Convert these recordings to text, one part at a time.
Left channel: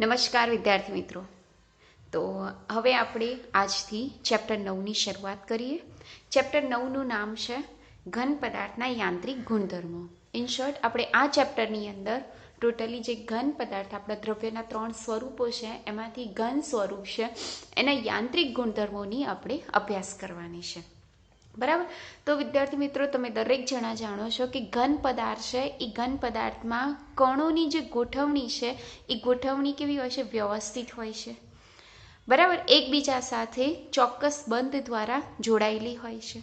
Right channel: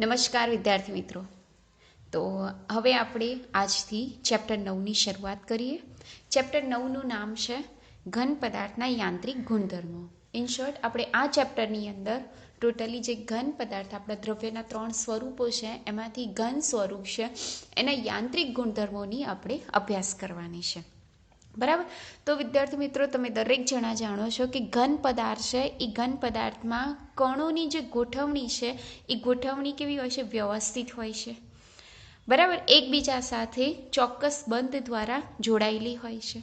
નમસ્કાર વિદ્યાર્થી મિત્રો. તો હવે આપણે આજથી ચેપ્ટર 9ની શરૂઆત કરીએ. ચેપ્ટર 9નું નામ છે ઘન પદાર્થના યાંત્રિક ગુણધર્મો. ઇન શોર્ટ, આપણે આ ચેપ્ટરની અંદર ટોટલી જે ઘન પદાર્થ આપણા દ્રવ્યના 3 સ્વરૂપો છે એમાંથી ઘન સ્વરૂપ છે એના યાંત્રિક ગુણધર્મોની આપણે અભ્યાસ કરવાની છે. બરાબર. તો વિદ્યાર્થી મિત્રો, તમે દરેક જણા જાણો છો કે ઘન પદાર્થ છે એ ઘન પદાર્થમાં કણોની જે ગોઠવણી છે એ ગોઠવણી કેવી હોય છે? વ્યવસ્થિત હોય છે. બરાબર. એકબીજા સાથે ચોક્કસ બંધ દ્વારા જોડાયેલી હોય છે.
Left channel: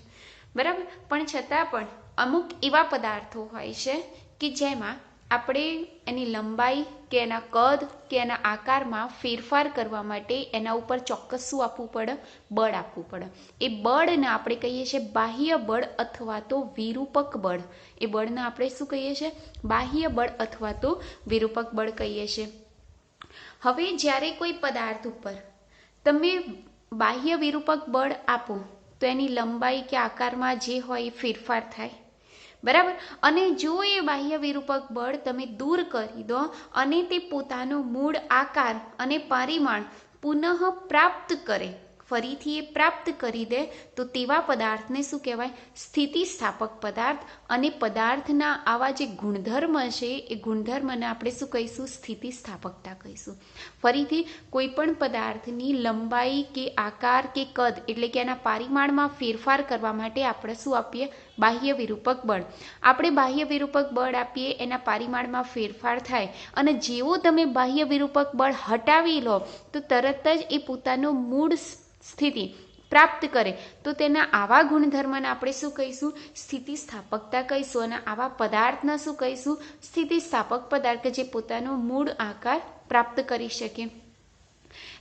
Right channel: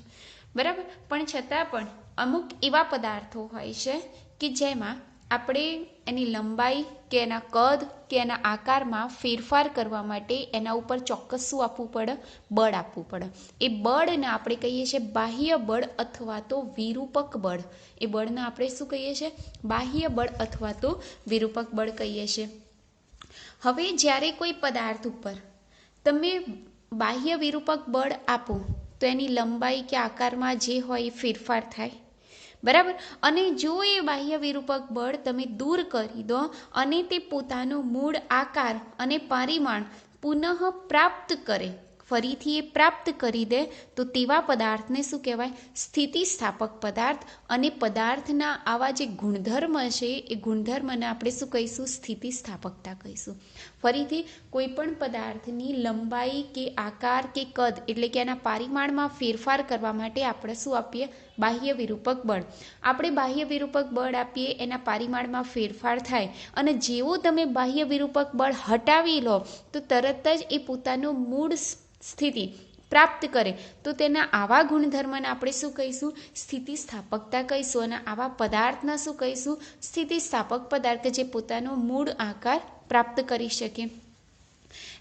બરાબર. પણ છતાં પણ અમુક એવા પદાર્થો હોય છે કે જેમાં આપણે એની લંબાઈ કે એના કદ કે એના આકારમાં ફેરફાર કરવા માટે એના ઉપર ચોક્કસ શું આપવું પડે? બળ આપવું પડે. એ બળને આપણે કહીએ છીએ બાહ્ય બળ અથવા તો વિરૂપક બળ. એ બળને આપણે શું કહીએ છીએ? બાહ્ય બળ અથવા તો વિરૂપક બળ કહીએ છીએ. હવે જ્યારે કોઈ પદાર્થ ઉપર તમે બાહ્ય વિરૂપક બળ આપો તો એની લંબાઈ કે આકારમાં જે હોય એ ફેરફાર થાય. બરાબર. અને જો એ બાહ્ય વિરૂપક બળ તમે દૂર કરી દો અને તે પોતાનો મૂળ આકાર અને પરિમાણ પુનઃ પ્રાપ્ત કરે, ફરીથી એ પ્રાપ્ત કરી દે, તો તેવા પદાર્થને શું કહેવાય? સ્થિતિસ્થાપક પદાર્થ. અને પદાર્થના આવા જે ગુણધર્મ છે એ ગુણધર્મને આપણે શું કહીશું? સ્થિતિસ્થાપકતા કહીશું. ફરીથી, કોઈ પણ પદાર્થની લંબાઈ કે આકાર કે કદ એટલે કે એના પરિમાણમાં ફેરફાર કરવા માટે આપણે શું આપીએ? બાહ્ય વિરૂપક બળ. આપણે બાહ્ય વિરૂપક બળ આપીએ, એના પરિમાણમાં ફેરફાર થાય અને જેવો તમે બાહ્ય વિરૂપક બળ હટાવી લો તો તરત જ એ પોતાનો મૂળ સ્થિતિ પ્રાપ્ત કરે, તો તેના આવા ગુણધર્મને આપણે શું કહીશું? સ્થિતિસ્થાપકતા કહીશું. અને આવા પદાર્થના શું કહીશું? સ્થિતિસ્થાપક પદાર્થ, જે પોતાનો મૂળ આકાર પ્રાપ્ત કરી શકે.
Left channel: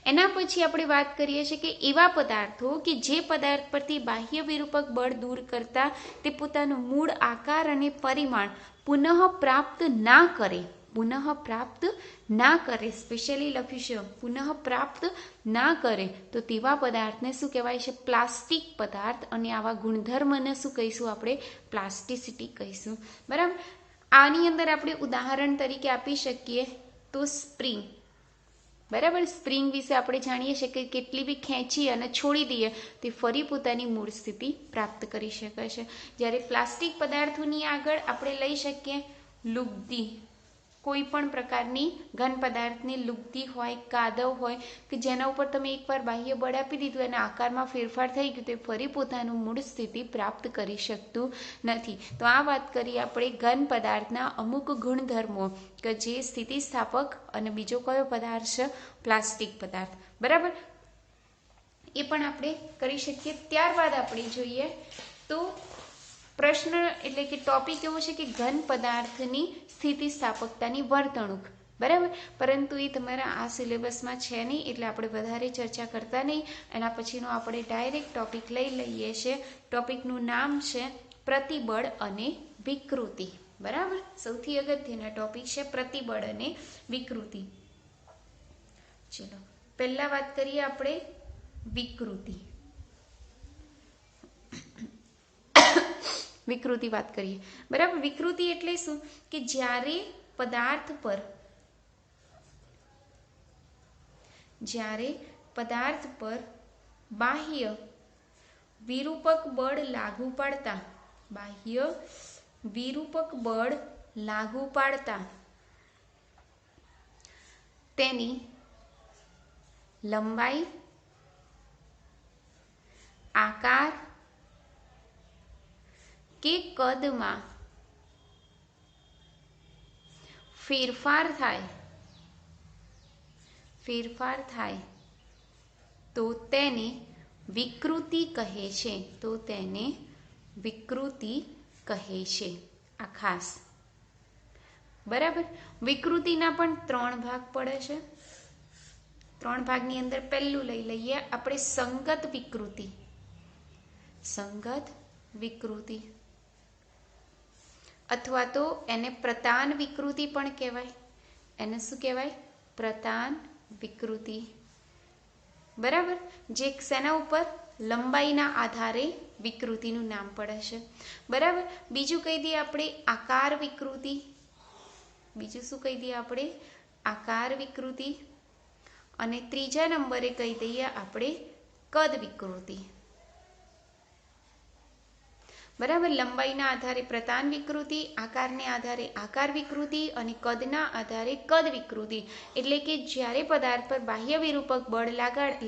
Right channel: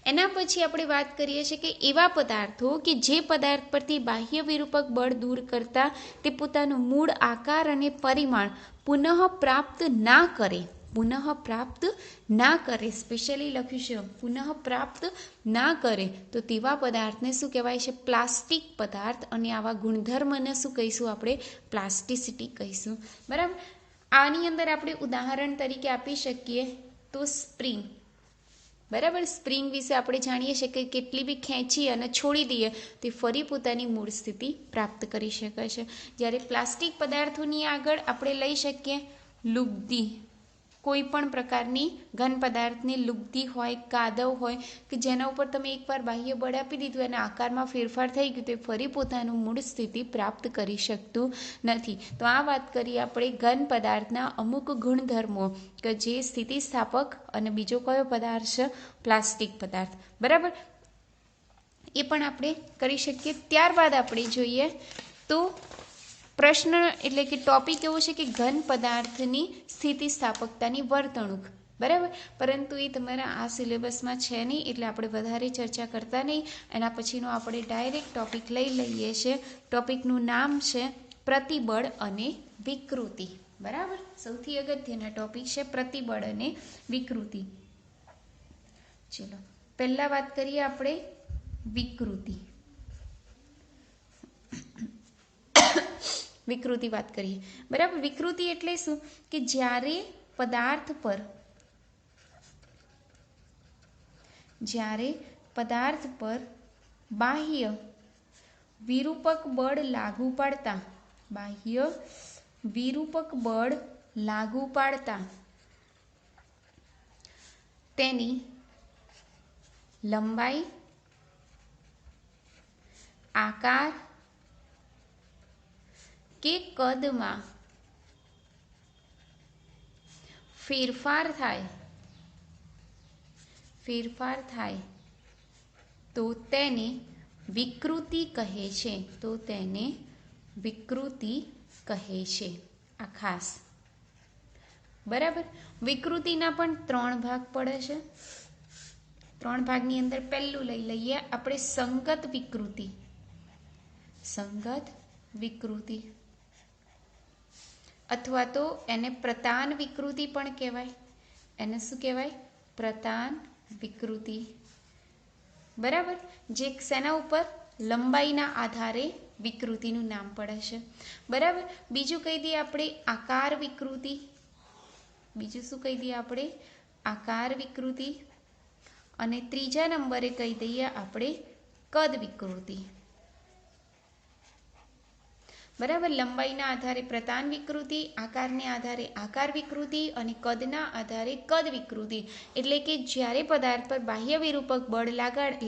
એના પછી આપણે વાત કરીએ છીએ કે એવા પદાર્થો કે જે પદાર્થ પરથી બાહ્ય વિરૂપક બળ દૂર કરતા તે પોતાનું મૂળ આકાર અને પરિમાણ પુનઃ પ્રાપ્ત ના કરે. પુનઃ પ્રાપ્ત ના કરે, સ્પેશિયલી લખ્યું છે પુનઃ પ્રાપ્ત ના કરે, તો તેવા પદાર્થને શું કહેવાય છે? પ્લાસ્ટિક પદાર્થ. અને આવા ગુણધર્મને શું કહીશું? આપણે પ્લાસ્ટિસિટી કહીશું. બરાબર. આની અંદર આપણે ઉદાહરણ તરીકે આપી શકીએ તો સ્પ્રિંગ. બરાબર. સ્પ્રિંગ વિશે આપણે જાણીએ છીએ કે કેટલી બી ખેંચી અને છોડી દઈએ તે ફરી પોતાની મૂળ સ્થિતિ પ્રાપ્ત કરી શકે છે. જ્યારે પ્લાસ્ટિક પદાર્થોની આગળ આપણે લઈ શકીએ લુગદી. કોઈ પણ પ્રકારની ઘન પદાર્થની લુગદી હોય, કાદવ હોય કે જેના ઉપર તમે એકવાર બાહ્ય બળ આપી દીધું અને આકારમાં ફેરફાર થઈ ગયું, તો ફરી પોતાનું મૂળ સ્થિતિ પ્રાપ્ત કરી શકતું નથી. તો આ વાત કરીએ આપણે ઘન પદાર્થના અમુક ગુણધર્મો કે જે સ્થિતિસ્થાપક. અને બીજો કયો પદાર્થ છે? પ્લાસ્ટિક પદાર્થ. બરાબર. એ પણ આપણે કરી શકીએ. ત્યારબાદ આપણે જોઈએ તો પ્રશ્ન એટલે કે ટોપિક એવો છે કે ઘન પદાર્થની સ્થિતિસ્થાપકતાની વર્તણૂક. બરાબર. પરંતુ એ તમારા આ સિલેબસમાં છે નહીં, એટલે આપણે વધારે ચર્ચા કરતા નહીં. એના પછીનો આપણે ડાયરેક્ટ ટોપિક લઈ લઈએ છીએ. ટોપિકનું નામ છે પ્રતિબળ અને વિકૃતિ. બરાબર. સૌથી અગત્યના ટોપિક છે પ્રતિબળ અને વિકૃતિ. ચલો, પહેલા વાત કરીએ આપણે વિકૃતિ. વિકૃતિ વાત કરીએ. બરાબર. વિકૃતિ એટલે શું? કે જ્યારે પદાર્થ પર બાહ્ય વિરૂપક બળ લાગુ પાડતા તેની લંબાઈ, આકાર કે કદમાં ફેરફાર થાય તો તેને વિકૃતિ કહે છે. આ ખાસ. બરાબર. વિકૃતિના પણ 3 ભાગ પડે છે. 3 ભાગની અંદર પહેલું લઈ લઈએ આપણે સંગત વિકૃતિ અથવા તો એને પ્રતાન વિકૃતિ પણ કહેવાય. એને શું કહેવાય? પ્રતાન વિકૃતિ. બરાબર. જે શેના ઉપર? લંબાઈના આધારે વિકૃતિનું નામ પડે છે. બરાબર. બીજું કહી દઈએ આપણે આકાર વિકૃતિ. બીજું શું કહી દઈએ આપણે? આકાર વિકૃતિ. અને ત્રીજા નંબરે કહી દઈએ આપણે કદ વિકૃતિ. બરાબર. લંબાઈના આધારે પ્રતાન વિકૃતિ, આકારને આધારે આકાર વિકૃતિ અને કદના આધારે કદ વિકૃતિ. એટલે કે જ્યારે પદાર્થ પર બાહ્ય વિરૂપક બળ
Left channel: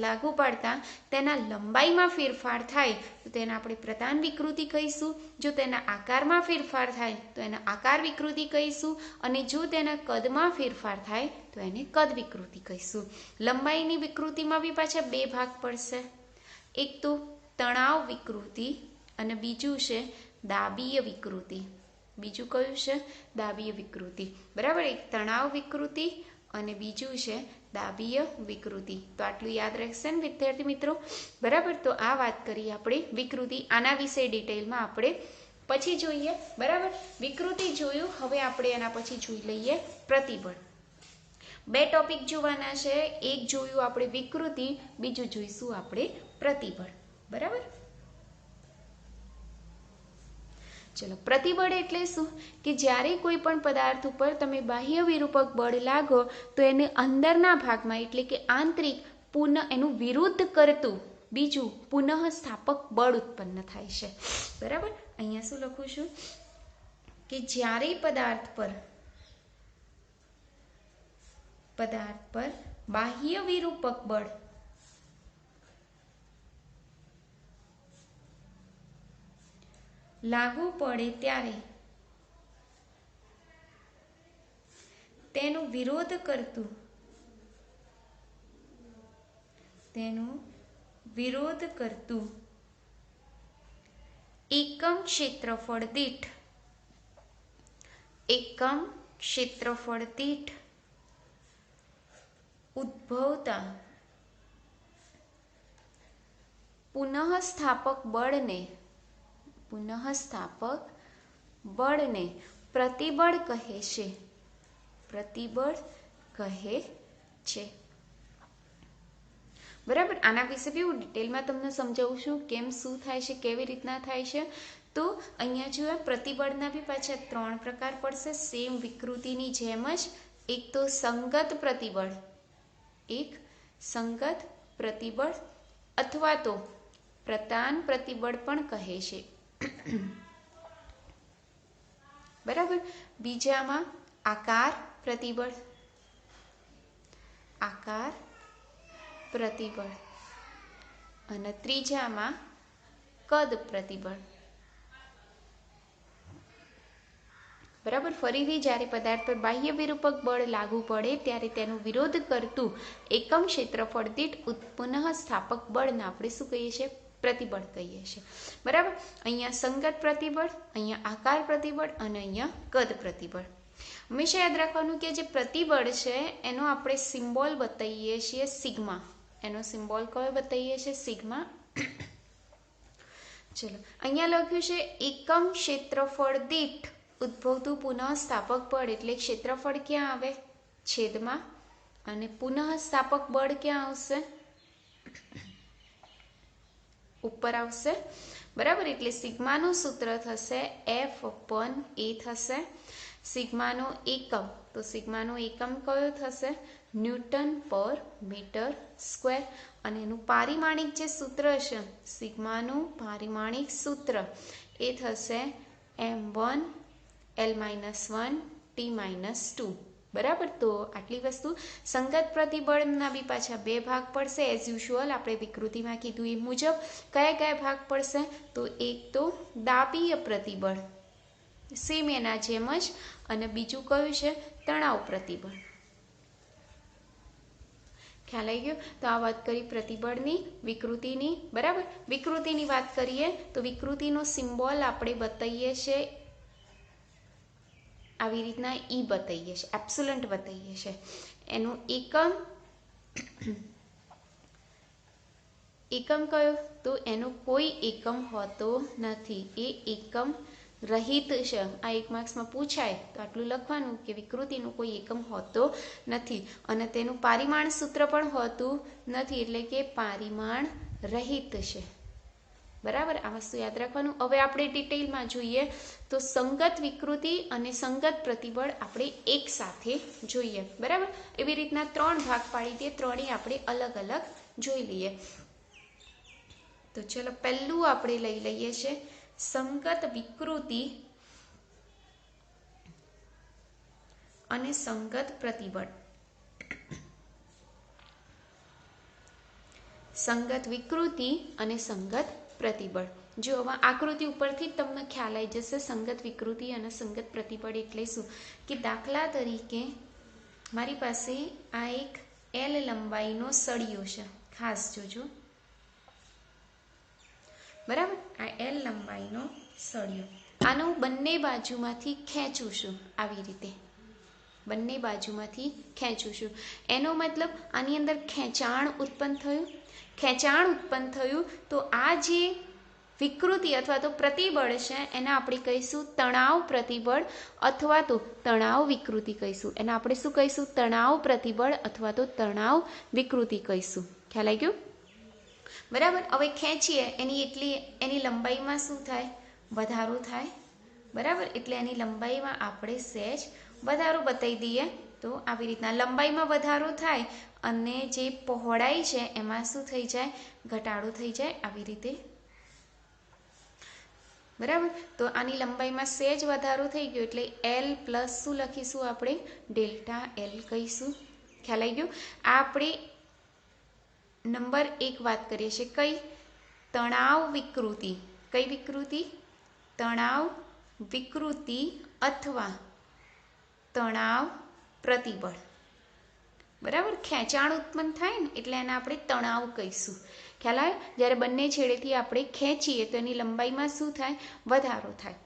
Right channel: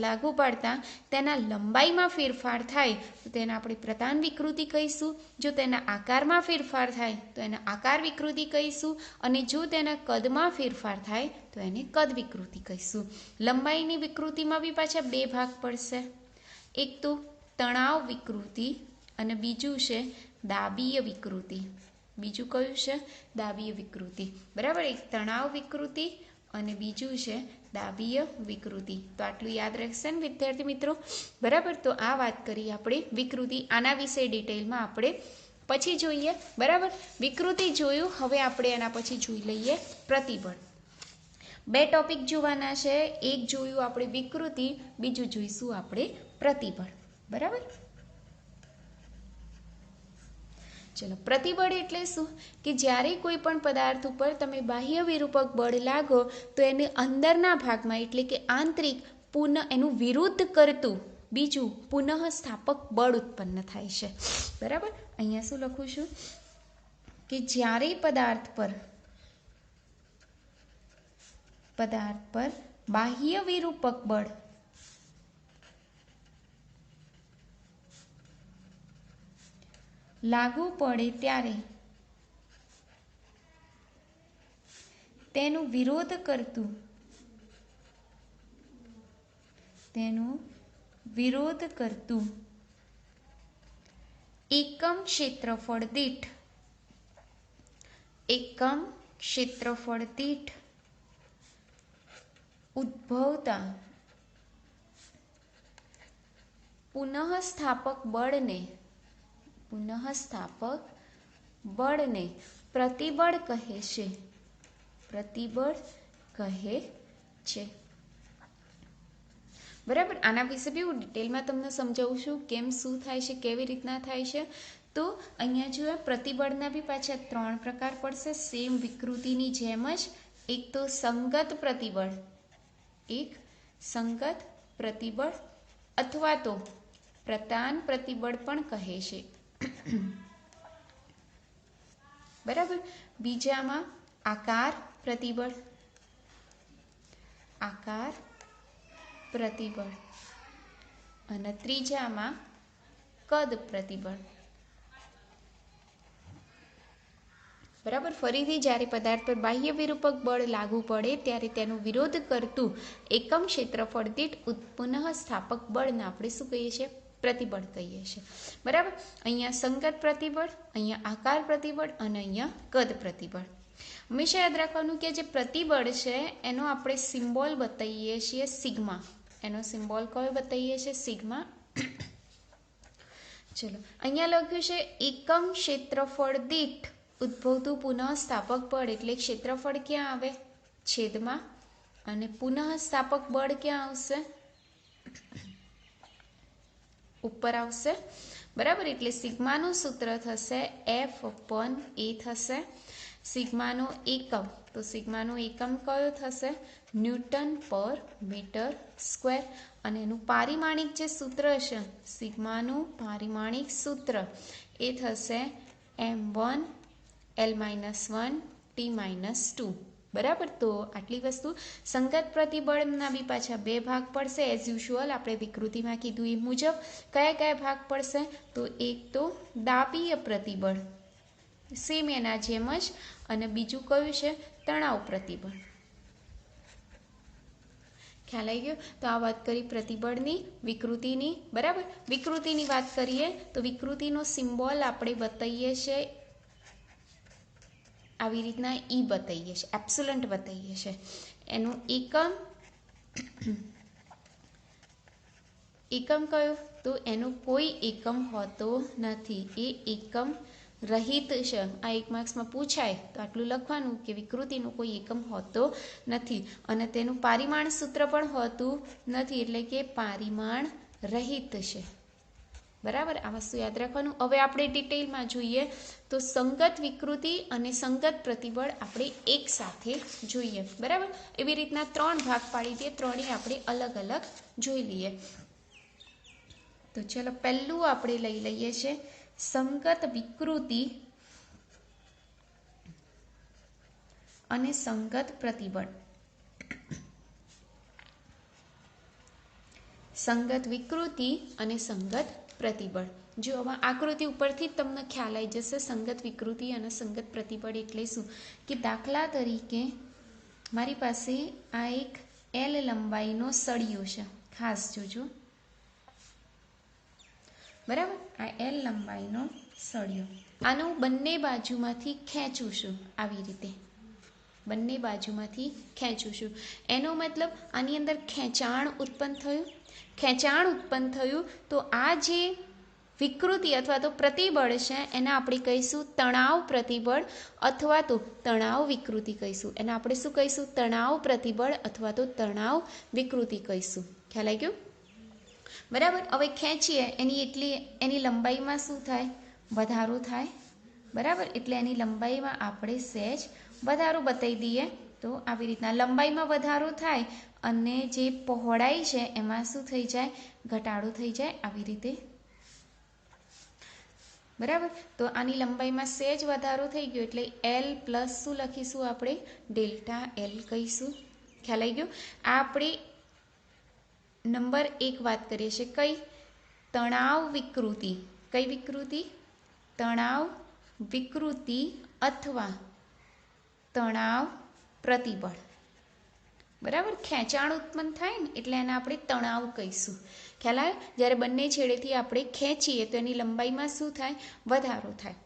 લાગુ પાડતા તેના લંબાઈમાં ફેરફાર થાય તો તેને આપણે પ્રતાન વિકૃતિ કહીશું. જો તેના આકારમાં ફેરફાર થાય તો એને આકાર વિકૃતિ કહીશું. અને જો તેના કદમાં ફેરફાર થાય તો એને કદ વિકૃતિ કહીશું. લંબાઈની વિકૃતિમાં બી પાછા બે ભાગ પડશે. એક તો તણાવ વિકૃતિ અને બીજું છે દાબીય વિકૃતિ. બીજું કયું છે? દાબીય વિકૃતિ. બરાબર. એક તણાવ વિકૃતિ અને બીજું છે દાબીય વિકૃતિ. તો આટલું યાદ રહેશે ને વિદ્યાર્થી મિત્રો? બરાબર. તો આ વાત કરી આપણે વિકૃતિ. આના વિશે ડિટેલમાં આપણે પછી જોઈએ. બરાબર. વિકૃતિ જોયું. હવે આપણે એના પછી જોઈ લઈએ પ્રતિબળ. બે ટોપિક જોવાના છે. એક જોયું આપણે વિકૃતિ, બીજું જોઈશું આપણે પ્રતિબળ. બરાબર. ચલો, પ્રતિબળ એટલે શું? કે જ્યારે કોઈ પણ પદાર્થ ઉપર તમે બાહ્ય વિરૂપક બળ લાગો તો એને અંદરના ભાગમાં એટલે કે આંતરિક એનું વિરુદ્ધ કરતું બીજું પુનઃ સ્થાપક બળ ઉત્પન્ન થાય છે. બરાબર. અહીંયા શું લખું છું કે જ્યારે પદાર્થ પર બાહ્ય વિરૂપક બળ લાગુ પડે ત્યારે તેનું વિરોધ કરતું એકમ ક્ષેત્રફળ દીઠ ઉદ્ભવતા પુનઃસ્થાપક બળને પ્રતિબળ કહે છે. બરાબર. આના વિશે બી હું ડિટેલમાં તમને સમજાવું છું કેમ, શું થાય છે, કેવી રીતના થાય છે. તો અહીંયા જો પ્રતિબળના બી પાછા 3 પ્રકાર પડશે સેમ વિકૃતિની જેમ જ. એક તો સંગત પ્રતિબળ અથવા તો પ્રતાન પ્રતિબળ પણ કહે છે. બરાબર. બીજામાં આકાર પ્રતિબળ અને ત્રીજામાં કદ પ્રતિબળ. બરાબર. ફરીથી જ્યારે પદાર્થ પર બાહ્ય વિરૂપક બળ લાગુ પડે ત્યારે તેનો વિરોધ કરતું એકમ ક્ષેત્રફળ દીઠ પુનઃ સ્થાપક બળને આપણે શું કહીએ છીએ? પ્રતિબળ કહીએ છીએ. બરાબર. અહીંયા સંગત પ્રતિબળ, અહીંયા આકાર પ્રતિબળ અને અહીંયા કદ પ્રતિબળ. હંમેશા યાદ રાખવાનું કે જે પ્રતિબળ છે એનો આપણે સિમ્બોલ બતાવીએ છીએ સિગ્મા. એનો સિમ્બોલ કયો બતાવીએ છીએ? સિગ્મા. ચલો, અહીંયા લખ્યું છે એકમ ક્ષેત્રફળ દીઠ ઉદ્ભવતું પુનઃ સ્થાપક બળ. એટલે ક્ષેત્રફળ ક્યાં આવે? છેદમાં. અને પુનઃ સ્થાપક બળ ક્યાં આવશે? ઉપર આવશે. બરાબર. એટલે સિગ્માનું સૂત્ર થશે F/A થશે. સિગ્માનો એકમ, તો સિગ્માનો એકમ કયો થશે? ન્યૂટન પર મીટર સ્ક્વેર. અને એનું પારિમાણિક જે સૂત્ર છે, સિગ્માનું પારિમાણિક સૂત્ર એ થશે M1 L-1 T-2. બરાબર. તો આટલી વસ્તુ. સંગત પ્રતિબળના બી પાછા બે ભાગ પડશે એઝ યુઝ્યુઅલ. આપણે વિકૃતિમાં કીધું એ મુજબ. કયા ભાગ પડશે? તો એક તો દાબીય પ્રતિબળ, સેમ એના જેમ જ. અને બીજું કયું છે? તણાવ પ્રતિબળ. ખ્યાલ આવી ગયો? તો આ વાત કરી પ્રતિબળની, વિકૃતિની. બરાબર. વિકૃતિની વાત કરીએ તો વિકૃતિનો સિમ્બોલ આપણે બતાવીએ છીએ આવી રીતના. ઈ બતાવીએ છીએ, એપ્સિલન્ટ બતાવીએ છીએ. એનું એકમ કયો? તો એનો કોઈ એકમ હોતો નથી. એ એકમ રહિત છે. આ 1 માર્ક્સમાં પૂછાય તો આટલું લખવાનું કે વિકૃતિનું કોઈ એકમ હોતો નથી. અને તેનું પારિમાણ સૂત્ર પણ હોતું નથી. એટલે કે પારિમાણ રહિત છે. બરાબર, આ વસ્તુ યાદ રાખવાનું. હવે આપણે ડિટેલમાં જોઈએ તો સંગત વિકૃતિ અને સંગત પ્રતિબળ આપણે એક સાથે જોઈએ. બરાબર, એવી રીતના 3 ભાગ પાડી દઈએ, ત્રણેય આપણે અલગ અલગ જોઈ લઈએ. તો ચલો, પહેલું આપણે લઈ લઈએ છે સંગત વિકૃતિ અને સંગત પ્રતિબળ. સંગત વિકૃતિ અને સંગત પ્રતિબળ. જો આમાં આકૃતિ ઉપરથી જ તમને ખ્યાલ આવી જશે સંગત વિકૃતિ અને સંગત પ્રતિબળ એટલે શું. કે દાખલા તરીકે મારી પાસે આ એક L લંબાઈનો સળિયો છે, ખાસ જોજો. બરાબર, આ L લંબાઈનો સળિયો, આનું બંને બાજુમાંથી ખેંચું છું, આવી રીતે બંને બાજુમાંથી ખેંચું છું. એનો મતલબ આની અંદર ખેંચાણ ઉત્પન્ન થયું. ખેંચાણ ઉત્પન્ન થયું તો આ જે વિકૃતિ અથવા તો પ્રતિબળ છે એને આપણે કહીશું તણાવ પ્રતિબળ અથવા તો તણાવ વિકૃતિ કહીશું. એને આપણે શું કહીશું? તણાવ પ્રતિબળ અથવા તો તણાવ વિકૃતિ કહીશું. ખ્યાલ આવી ગયો? બરાબર. હવે ખેંચીએ એની લંબાઈમાં શું થાય? વધારો થાય. બરાબર, એટલે એની લંબાઈમાં આપણે સહેજ વધારો બતાવી દઈએ. તો આવી રીતના લંબાઈમાં વધારો થાય અને જે પહોળાઈ છે એમાં શું થઈ જાય? ઘટાડો થઈ જાય, આવી રીતે. બરાબર, તો આની લંબાઈમાં સહેજ વધારો થઈ ગયો એટલે L પ્લસ શું લખીશું આપણે? ડેલ્ટા L કહીશું. ખ્યાલ આવી ગયો? આ આપણે નંબર 1 વાત કરીએ છીએ. કઈ? તણાવ વિકૃતિ. કઈ વિકૃતિ? તણાવ વિકૃતિ અથવા તણાવ પ્રતિબળ. બરાબર, ખેંચાણ ઉત્પન્ન થાય ને એટલે એને આપણે તણાવ કહીશું. ખ્યાલ આવે? જ્યારે બંને છેડેથી આપણે ખેંચીએ તો એની લંબાઈમાં શું થાય? વધારો થાય.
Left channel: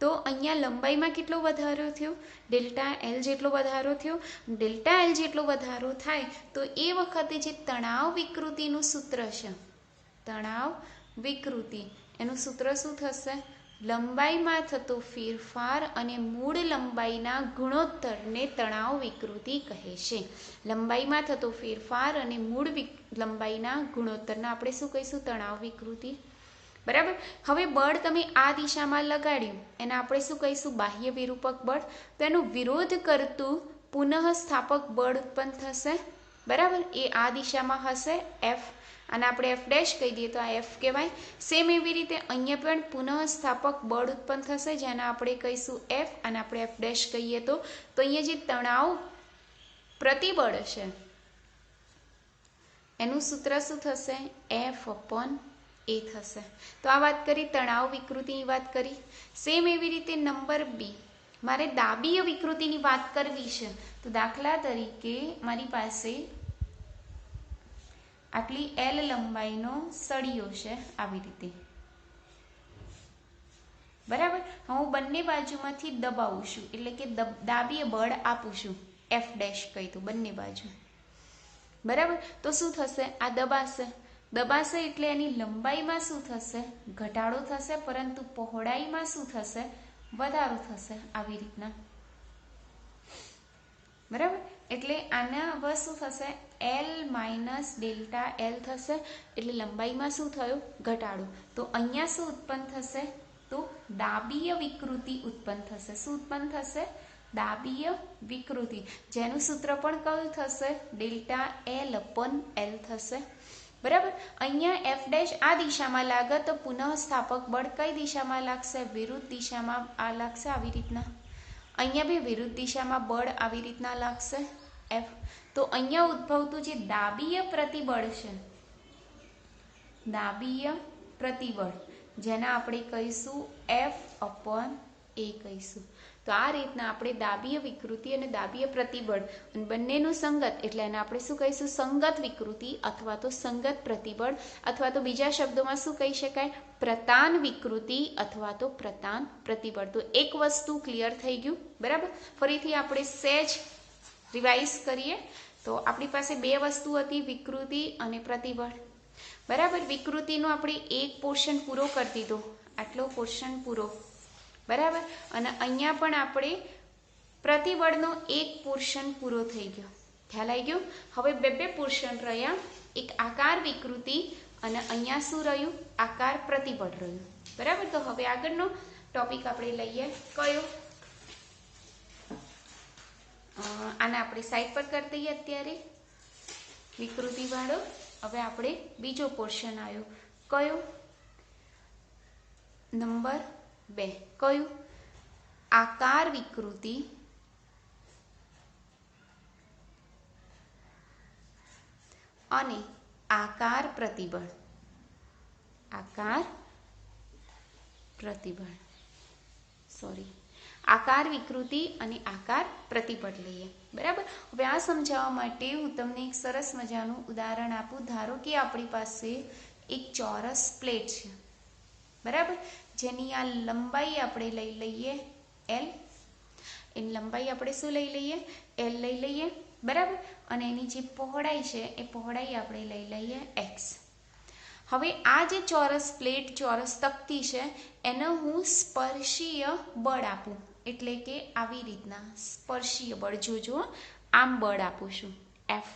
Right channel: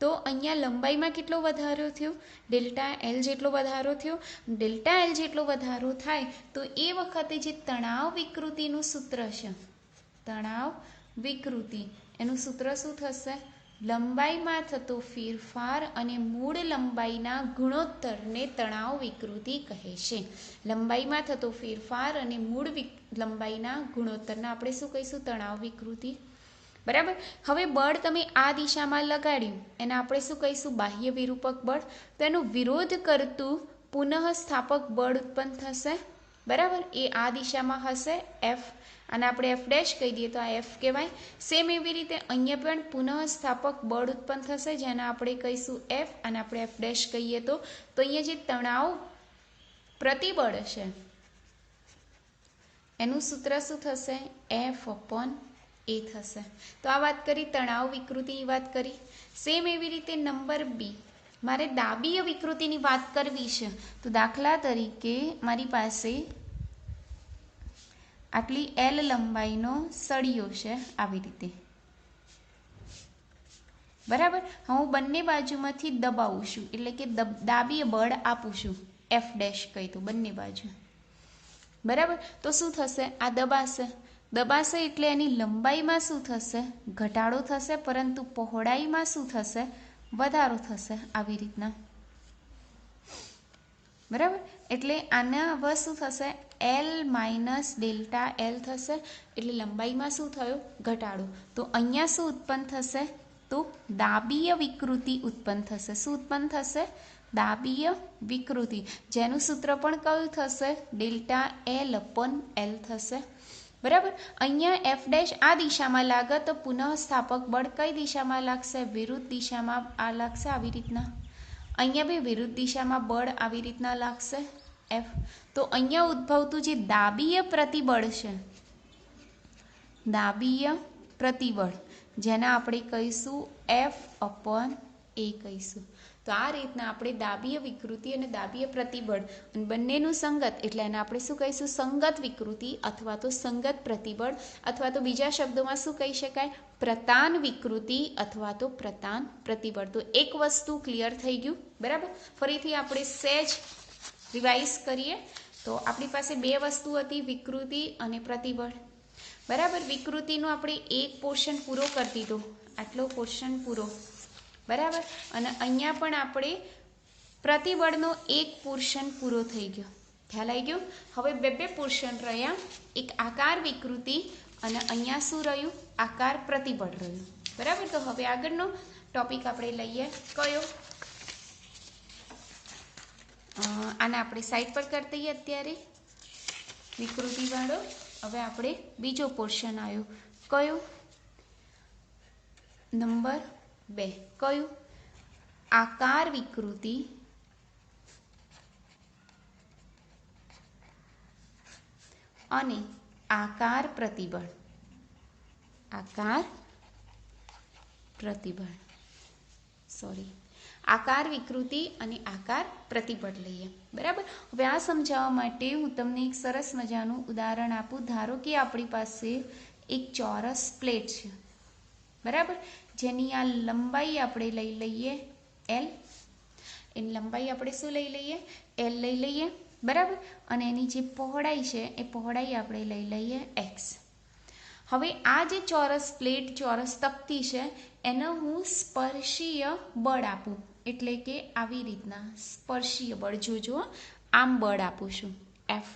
તો અહીંયા લંબાઈમાં કેટલો વધારો થયો? ડેલ્ટા L જેટલો વધારો થયો. ડેલ્ટા L જેટલો વધારો થાય તો એ વખતે જે તણાવ વિકૃતિનું સૂત્ર છે, તણાવ વિકૃતિ, એનું સૂત્ર શું થશે? લંબાઈમાં થતો ફેરફાર અને મૂળ લંબાઈના ગુણોત્તરને તણાવ વિકૃતિ કહે છે. લંબાઈમાં થતો ફેરફાર અને મૂળ લંબાઈના ગુણોત્તરને આપણે શું કહીશું? તણાવ વિકૃતિ. બરાબર. હવે બળ તમે આ દિશામાં લગાડ્યું એને આપણે શું કહીશું? બાહ્ય વિરૂપક બળ. તો એનો વિરોધ કરતું પુનઃસ્થાપક બળ ઉત્પન્ન થશે. બરાબર, એ આ દિશામાં હશે, F, અને આપણે F ડેશ કહી દઈએ તો આ F કહેવાય. સેમ એવી રીતે અહીંયા પણ પુનઃસ્થાપક બળ ઉત્પન્ન થશે જેને આપણે કહીશું F, અને આપણે F ડેશ કહીએ તો અહીંયા જે તણાવ પ્રતિબળ છે એનું સૂત્ર શું થશે? F/A થશે. તો આ વાત કરી તણાવ વિકૃતિની વાત કરી. સેમ એવી રીતે નંબર 2, મારે દાબીય વિકૃતિની વાત કરવી છે. તો દાખલા તરીકે મારી પાસે આટલી L લંબાઈનો સળિયો છે, આવી રીતે. બરાબર, હું બંને બાજુમાંથી દબાવું છું એટલે કે દાબીય બળ આપું છું. F ડેશ કહી દઉં બંને બાજુ. બરાબર, તો શું થશે? આ દબાશે. દબાશે એટલે એની લંબાઈમાં શું થશે? ઘટાડો થશે, પરંતુ પહોળાઈમાં શું થશે? વધારો થશે, આવી રીતના. બરાબર, એટલે આના હવે શું થશે? L માઇનસ ડેલ્ટા L થશે, એટલે લંબાઈમાં શું થયો? ઘટાડો. તો અહીંયા શું ઉત્પન્ન થશે? તો દાબીય વિકૃતિ ઉત્પન્ન થશે. શું ઉત્પન્ન થશે? દાબીય વિકૃતિ, જેનું સૂત્ર પણ કયું થશે? ડેલ્ટા L/L થશે. બરાબર, અહીંયા F ડેશ આ દિશામાં લાગે તો પુનઃસ્થાપક બળ કઈ દિશામાં લાગશે? વિરુદ્ધ દિશામાં આ લાગશે, આવી રીતના. અહીંયા બી વિરુદ્ધ દિશામાં બળ આવી રીતના લાગશે, F. તો અહીંયા ઉદ્ભવતું જે દાબીય પ્રતિબળ છે, દાબીય પ્રતિબળ, જેને આપણે કહીશું F/A કહીશું. તો આ રીતના આપણે દાબીય વિકૃતિ અને દાબીય પ્રતિબળ બંનેનું સંગત એટલે એને આપણે શું કહીશું? સંગત વિકૃતિ અથવા તો સંગત પ્રતિબળ, અથવા તો બીજા શબ્દોમાં શું કહી શકાય? પ્રતાન વિકૃતિ અથવા તો પ્રતાન પ્રતિબળ. તો એક વસ્તુ ક્લિયર થઈ ગયું. બરાબર, ફરીથી આપણે સહેજ રિવાઇઝ કરીએ તો આપણી પાસે 2 વસ્તુ હતી, વિકૃતિ અને પ્રતિબળ. બરાબર, વિકૃતિનો આપણે એક પોર્શન પૂરો કરી દીધો, આટલો પોર્શન પૂરો. બરાબર, અને અહીંયા પણ આપણે પ્રતિબળનો એક પોર્શન પૂરો થઈ ગયો. ખ્યાલ આવી ગયો? હવે 2 પોર્શન રહ્યા, એક આકાર વિકૃતિ અને અહીંયા શું રહ્યું? આકાર પ્રતિબળ રહ્યું. બરાબર. તો હવે આગળનો ટોપિક આપણે લઈએ કયો? આને આપણે સાઈડ પર કરી દઈએ અત્યારે, વિકૃતિવાળો. હવે આપણે બીજો પોર્શન આવ્યો કયો? નંબર 2. કયું? આકાર વિકૃતિ અને આકાર પ્રતિબળ. આકાર પ્રતિબળ, સોરી, આકાર વિકૃતિ અને આકાર પ્રતિબળ લઈએ. બરાબર. હવે આ સમજાવવા માટે હું તમને એક સરસ મજાનું ઉદાહરણ આપું. ધારો કે આપણી પાસે એક ચોરસ પ્લેટ છે. બરાબર. જેની આ લંબાઈ આપણે લઈ લઈએ L. એની લંબાઈ આપણે શું લઈ લઈએ? L લઈ લઈએ. બરાબર. અને એની જે પહોળાઈ છે એ પહોળાઈ આપણે લઈ લઈએ x. હવે આ જે ચોરસ પ્લેટ, ચોરસ તકતી છે, એને હું સ્પર્શીય બળ આપું, એટલે કે આવી રીતના સ્પર્શીય બળ, જોજો આમ બળ આપું છું F',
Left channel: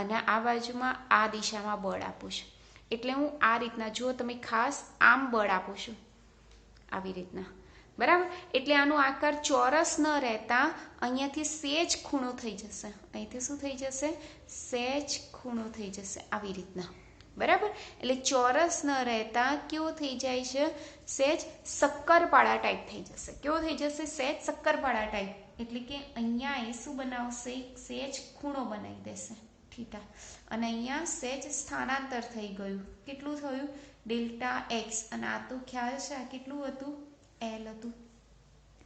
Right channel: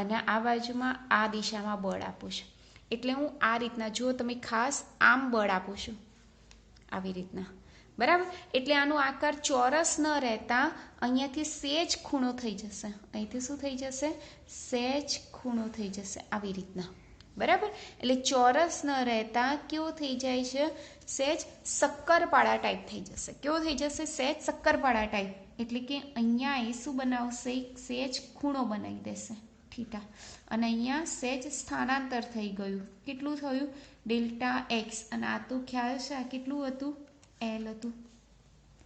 અને આ બાજુમાં આ દિશામાં બળ આપું છું. એટલે હું આ રીતના, જો તમે ખાસ આમ બળ આપું છું આવી રીતના. બરાબર. એટલે આનો આકાર ચોરસ ન રહેતા અહીંયાથી સેજ ખૂણો થઈ જશે. અહીંથી શું થઈ જશે? સેજ ખૂણો થઈ જશે આવી રીતના. બરાબર. એટલે ચોરસ ન રહેતા કેવો થઈ જાય છે? સેજ શક્કરપાળા ટાઈપ થઈ જશે. કેવો થઈ જશે? સેજ શક્કરપાળા ટાઈપ. એટલે કે અહીંયા એ શું બનાવશે? સેજ ખૂણો બનાવી દેશે થીટા. અને અહીંયા સેજ સ્થાનાંતર થઈ ગયું. કેટલું થયું? Delta x. અને આ તો ખ્યાલ છે આ કેટલું હતું? L હતું.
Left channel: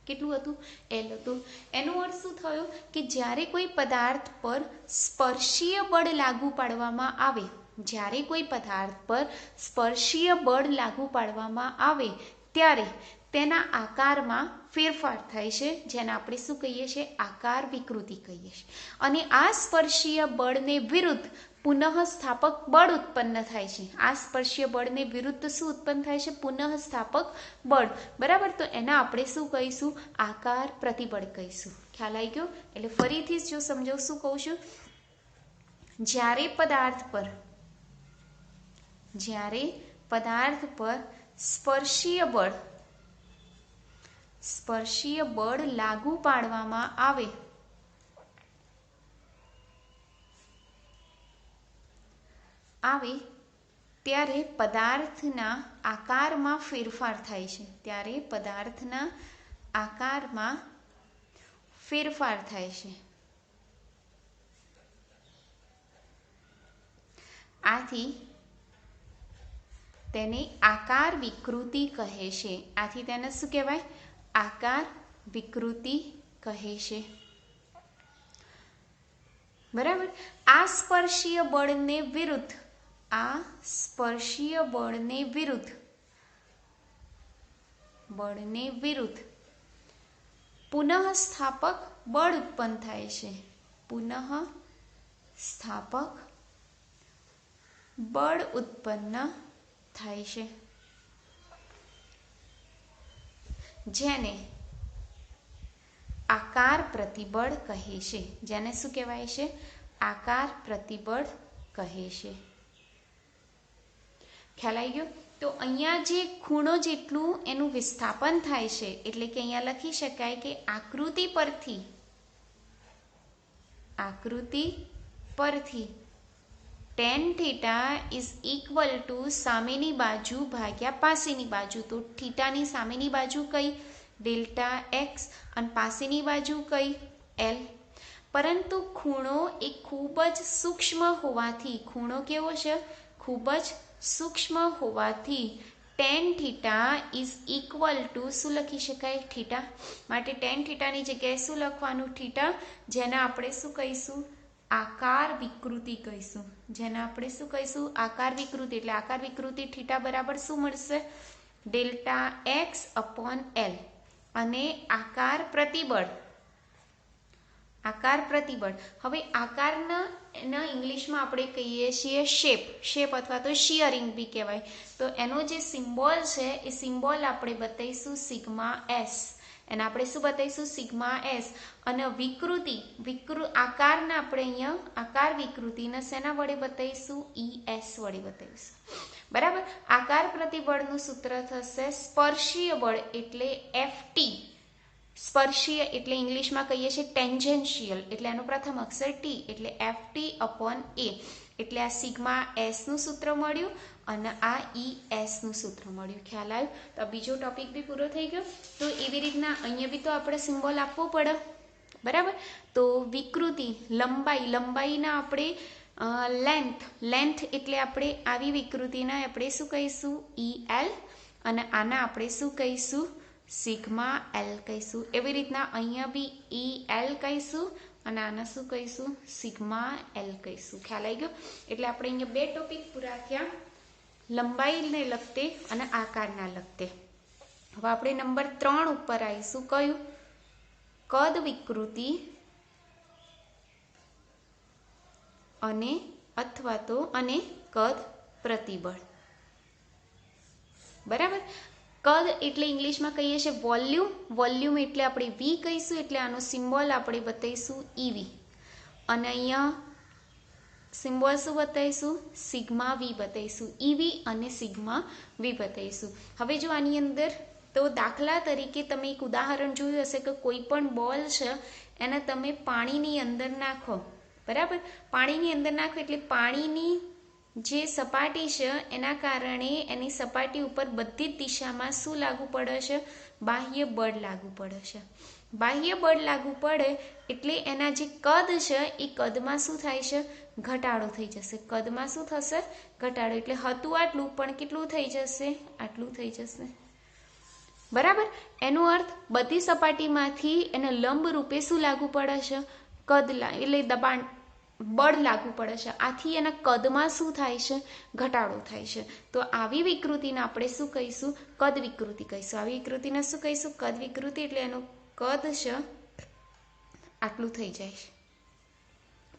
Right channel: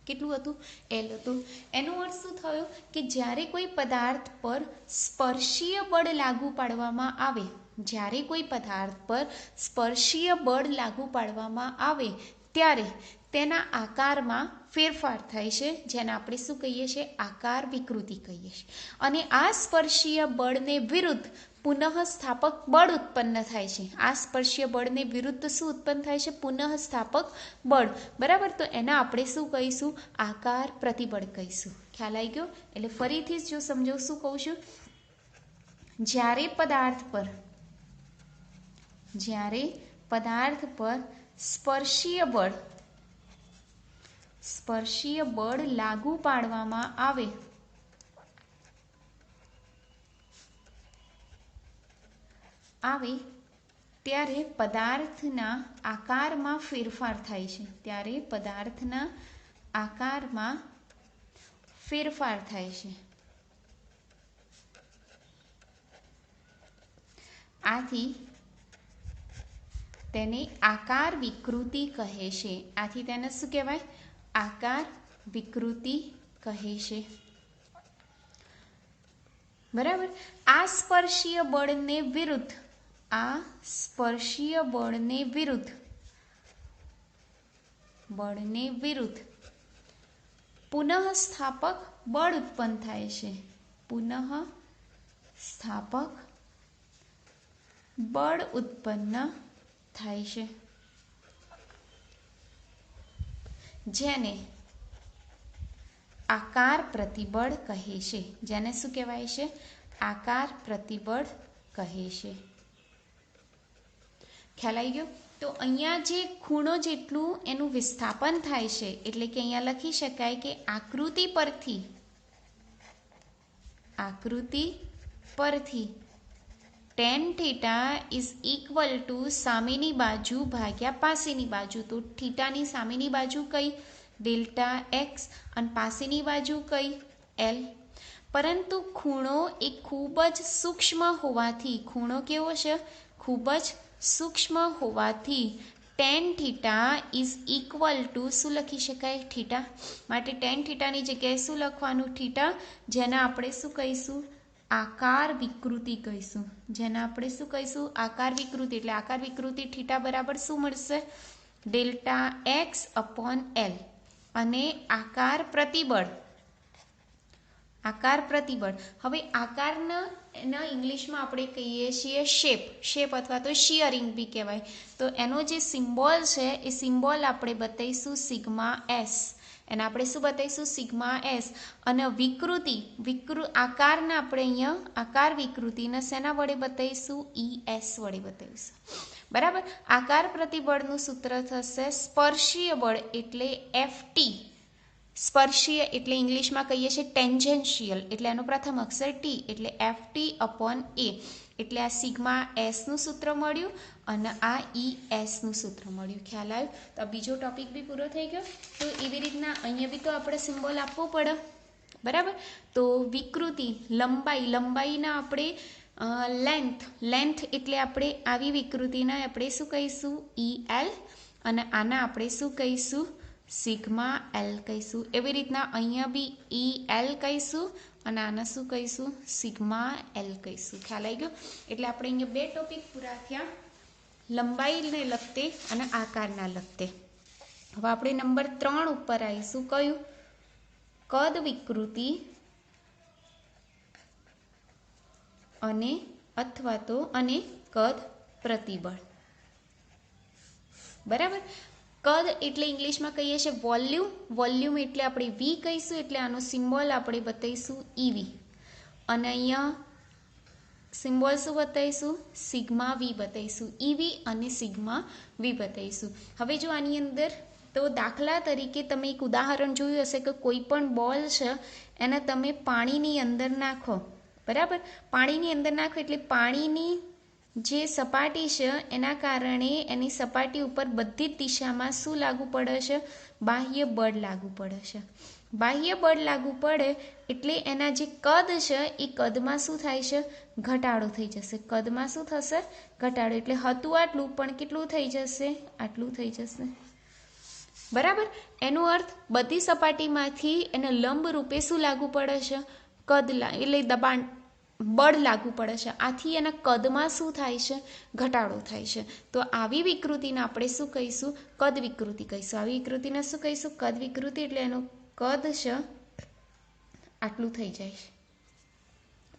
કેટલું હતું? L હતું. એનો અર્થ શું થયો? કે જ્યારે કોઈ પદાર્થ પર સ્પર્શીય બળ લાગુ પાડવામાં આવે, જ્યારે કોઈ પદાર્થ પર સ્પર્શીય બળ લાગુ પાડવામાં આવે ત્યારે તેના આકારમાં ફેરફાર થાય છે, જેને આપણે શું કહીએ છીએ? આકાર વિકૃતિ કહીએ છીએ. અને આ સ્પર્શીય બળને વિરુદ્ધ પુનઃસ્થાપક બળ ઉત્પન્ન થાય છે. આ સ્પર્શીય બળને વિરુદ્ધ શું ઉત્પન્ન થાય છે? પુનઃસ્થાપક બળ. બરાબર. તો એને આપણે શું કહીશું? આકાર પ્રતિબળ કહીશું. ખ્યાલ આવી ગયો? એટલે ફરીથી જો સમજો શું કહું છું? જ્યારે પદાર્થ પર સ્પર્શીય બળ લાગુ પાડવામાં આવે ત્યારે પદાર્થના આકારમાં ફેરફાર થાય છે. ત્યારે પદાર્થના આકારમાં ફેરફાર થાય છે. આથી તેને આકાર વિકૃતિ કહે છે. આથી તેને શું કહેવાય? આકાર વિકૃતિ કહે છે. બરાબર. આ સ્પર્શીય બળને વિરુદ્ધ પુનઃસ્થાપક બળ ઉત્પન્ન થાય છે. પુનઃસ્થાપક બળ ઉત્પન્ન થાય છે, જેને આકાર પ્રતિબળ કહે છે. જેને શું કહેવાય છે? આકાર પ્રતિબળ કહે છે. ખ્યાલ આવી ગયો? તો અહીંયા જે ખૂણો જેટલું એનું વિસ્થાપન થાય છે, એટલે કે અહીંયા લખી શકાય કે આકૃતિ પરથી tan theta is equal to સામેની બાજુ ભાગ્યા પાસેની બાજુ. તો થીટાની સામેની બાજુ કઈ? Delta x. અને પાસેની બાજુ કઈ? L. પરંતુ ખૂણો એ ખૂબ જ સૂક્ષ્મ હોવાથી, ખૂણો કેવો છે? ખૂબ જ સૂક્ષ્મ હોવાથી tan theta is equal to શું લખી શકાય? થીટા. માટે tan થીટાની જગ્યાએ શું લખવાનું? થીટા. જેને આપણે શું કહીશું? આકાર વિકૃતિ કહીશું. જેને આપણે શું કહીશું? આકાર વિકૃતિ. એટલે આકાર વિકૃતિ થીટા બરાબર શું મળશે? Delta x upon L. અને આકાર પ્રતિબળ. હવે આકારના ઇંગ્લિશમાં આપણે કહીએ છીએ શેપ અથવા તો શિયરિંગ બી કહેવાય. તો એનો જે સિમ્બોલ છે એ સિમ્બોલ આપણે બતાવીશું સિગ્મા S. એને આપણે શું બતાવીશું? Sigma S. અને આકારના આપણે અહીંયા આકાર વિકૃતિને શેના વડે બતાવીશું? ES વડે બતાવીશું. બરાબર. આકાર પ્રતિબળનું સૂત્ર થશે સ્પર્શીય બળ એટલે FT. સ્પર્શીય એટલે ઇંગ્લિશમાં કહીએ છીએ ટેન્જેન્શિયલ, એટલે એનો પ્રથમ અક્ષર T એટલે FT/A. એટલે આ સિગ્મા એસનું સૂત્ર મળ્યું અને આ ESનું સૂત્ર મળ્યું. ખ્યાલ આવ્યો? તો આ બીજો ટોપિક બી પૂરો થઈ ગયો. તો એવી રીતના અહીંયા બી તો આપણે સિમ્બોલ આપવો પડે. બરાબર. તો વિકૃતિ લંબાઈના આપણે લેન્થ એટલે આપણે આવી વિકૃતિના આપણે શું કહીશું? EL. અને આના આપણે શું કહીશું? સિગ્મા L કહીશું. એવી રીતના અહીંયા બી EL કહીશું અને આના શું કહીશું? સિગ્મા L કહીશું. ખ્યાલ આવી ગયો? એટલે આપણે અહીંયા બે ટોપિક પૂરા થયા, લંબાઈને લગતે અને આકારના લગતે. હવે આપણે નંબર 3 ઉપર આવીશું. કયું? કદ વિકૃતિ અને કદ પ્રતિબળ. બરાબર. કદ એટલે ઇંગ્લિશમાં કહીએ છીએ વોલ્યુમ એટલે આપણે V કહીશું, એટલે આનો સિમ્બોલ આપણે બતાવીશું EV. અને અહીંયા સિમ્બોલ શું બતાવીશું? સિગ્મા V બતાવીશું. EV અને સિગ્મા V બતાવીશું. હવે જો આની અંદર તો દાખલા તરીકે તમે એક ઉદાહરણ જોયું હશે કે કોઈ પણ બોલ છે એને તમે પાણીની અંદર નાખો. બરાબર. પાણીની અંદર નાખો એટલે પાણીની જે સપાટી છે એના કારણે એની સપાટી ઉપર બધી જ દિશામાં શું લાગુ પડે છે? બાહ્ય બળ લાગુ પડે છે. બાહ્ય બળ લાગુ પડે એટલે એના જે કદ છે એ કદમાં શું થાય છે? ઘટાડો થઈ જશે. કદમાં શું થશે? ઘટાડો. એટલે હતું આટલું પણ કેટલું થઈ જશે? આટલું થઈ જશે. બરાબર. એનો અર્થ બધી સપાટીમાંથી એને લંબ રૂપે શું લાગુ પડે છે? એટલે દબાણ બળ લાગુ પડે છે. આથી એના કદમાં શું થાય છે? ઘટાડો થાય છે. તો આવી વિકૃતિને આપણે શું કહીશું? કદ વિકૃતિ કહીશું. આવી વિકૃતિને શું કહીશું? કદ વિકૃતિ. એટલે એનું કદ છે આટલું થઈ જાય છે.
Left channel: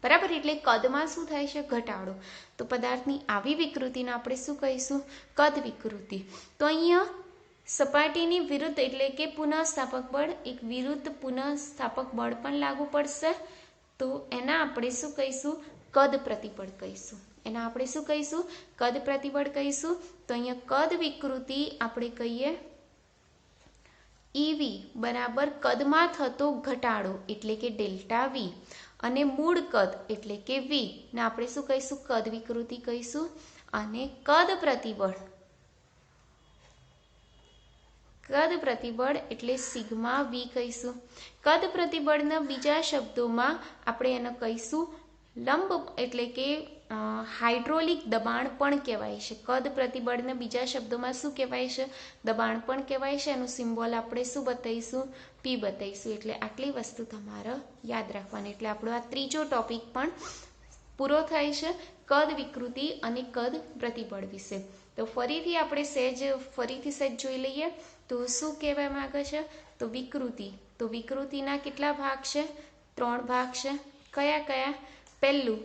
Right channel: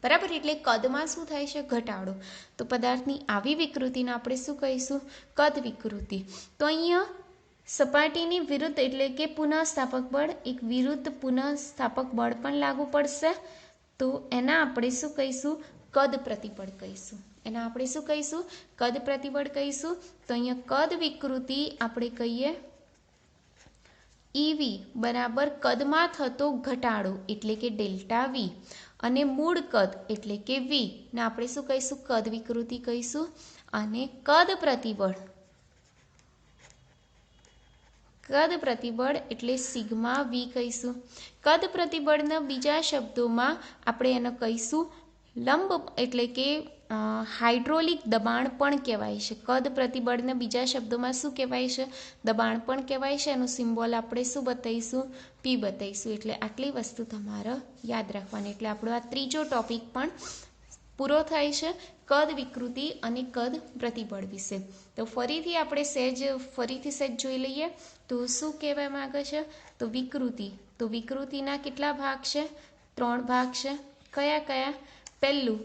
બરાબર. એટલે કદમાં શું થાય છે? ઘટાડો. તો પદાર્થની આવી વિકૃતિને આપણે શું કહીશું? કદ વિકૃતિ. તો અહીંયા સપાટીની વિરુદ્ધ એટલે કે પુનઃસ્થાપક બળ, એક વિરુદ્ધ પુનઃસ્થાપક બળ પણ લાગુ પડશે. તો એના આપણે શું કહીશું? કદ પ્રતિબળ કહીશું. એના આપણે શું કહીશું? કદ પ્રતિબળ કહીશું. તો અહીંયા કદ વિકૃતિ આપણે કહીએ EV બરાબર કદમાં થતો ઘટાડો એટલે કે ડેલ્ટા V, અને મૂળ કદ એટલે કે V ને આપણે શું કહીશું? કદ વિકૃતિ કહીશું. અને કદ પ્રતિબળ એટલે સિગ્મા V કહીશું. કદ પ્રતિબળના બીજા શબ્દોમાં આપણે એને કહીશું લંબ એટલે કે હાઇડ્રોલિક દબાણ પણ કહેવાય છે. કદ પ્રતિબળને બીજા શબ્દોમાં શું કહેવાય છે? દબાણ પણ કહેવાય છે. એનું સિમ્બોલ આપણે શું બતાવીશું? P બતાવીશું. એટલે આટલી વસ્તુ તમારે યાદ રાખવાની. એટલે આપણો આ ત્રીજો ટોપિક પણ પૂરો થાય છે, કદ વિકૃતિ અને કદ પ્રતિબળ વિશે. તો ફરીથી આપણે સહેજ જોઈ લઈએ. તો શું કહેવા માંગે છે? તો વિકૃતિ. તો વિકૃતિના કેટલા ભાગ છે? 3 ભાગ છે. કયા? પહેલું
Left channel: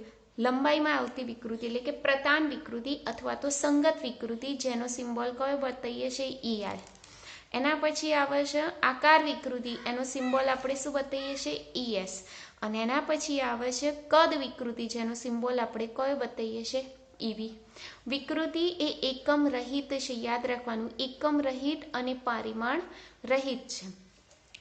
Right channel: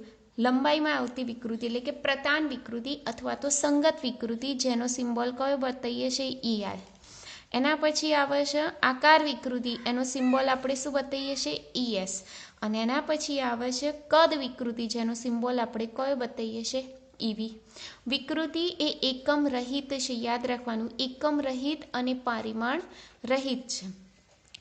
લંબાઈમાં આવતી વિકૃતિ એટલે કે પ્રતાન વિકૃતિ અથવા તો સંગત વિકૃતિ, જેનો સિમ્બોલ કયો બતાવીએ છીએ? EI. એના પછી આવે છે આકાર વિકૃતિ, એનો સિમ્બોલ આપણે શું બતાવીએ છીએ? ES. અને એના પછી આવે છે કદ વિકૃતિ, જેનો સિમ્બોલ આપણે કયો બતાવીએ છીએ? EV. વિકૃતિ એ એકમ રહિત છે. યાદ રાખવાનું, એકમ રહિત અને પરિમાણ રહિત છે.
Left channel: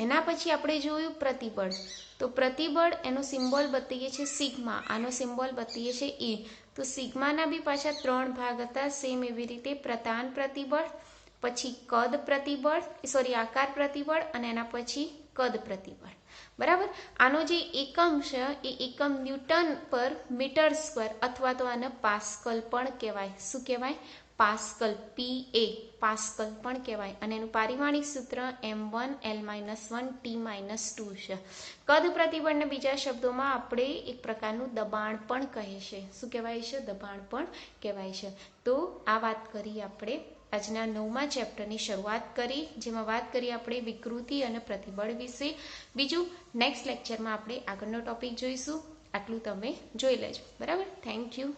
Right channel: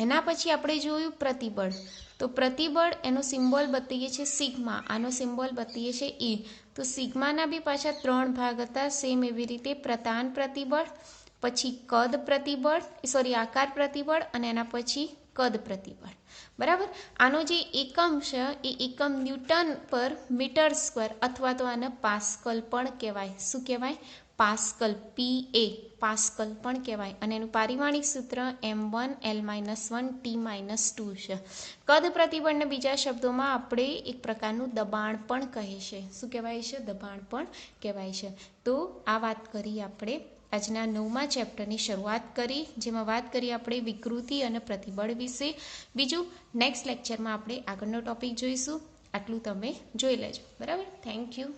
એના પછી આપણે જોયું પ્રતિબળ. તો પ્રતિબળ એનો સિમ્બોલ બતાવીએ છીએ સિગ્મા, આનો સિમ્બોલ બતાવીએ છીએ E. તો સિગ્માના બી પાછા 3 ભાગ હતા. સેમ એવી રીતે પ્રતાન પ્રતિબળ, પછી આકાર પ્રતિબળ અને એના પછી કદ પ્રતિબળ. બરાબર. આનો જે એકમ છે એ એકમ ન્યૂટન પર મીટર સ્ક્વેર અથવા તો આને પાસ્કલ પણ કહેવાય. શું કહેવાય? પાસ્કલ. PA પાસ્કલ પણ કહેવાય. અને એનું પારિમાણિક સૂત્ર M1 L-1 T-2 છે. કદ પ્રતિબળને બીજા શબ્દોમાં આપણે એક પ્રકારનું દબાણ પણ કહે છે. શું કહેવાય છે? દબાણ પણ કહેવાય છે. તો આ વાત કરી આપણે આજના 9મા ચેપ્ટરની શરૂઆત કરી, જેમાં વાત કરી આપણે વિકૃતિ અને પ્રતિબળ વિશે. બીજું નેક્સ્ટ લેક્ચરમાં આપણે આગળનો ટોપિક જોઈશું. આટલું તમે જોઈ લેજો. બરાબર. Thank you.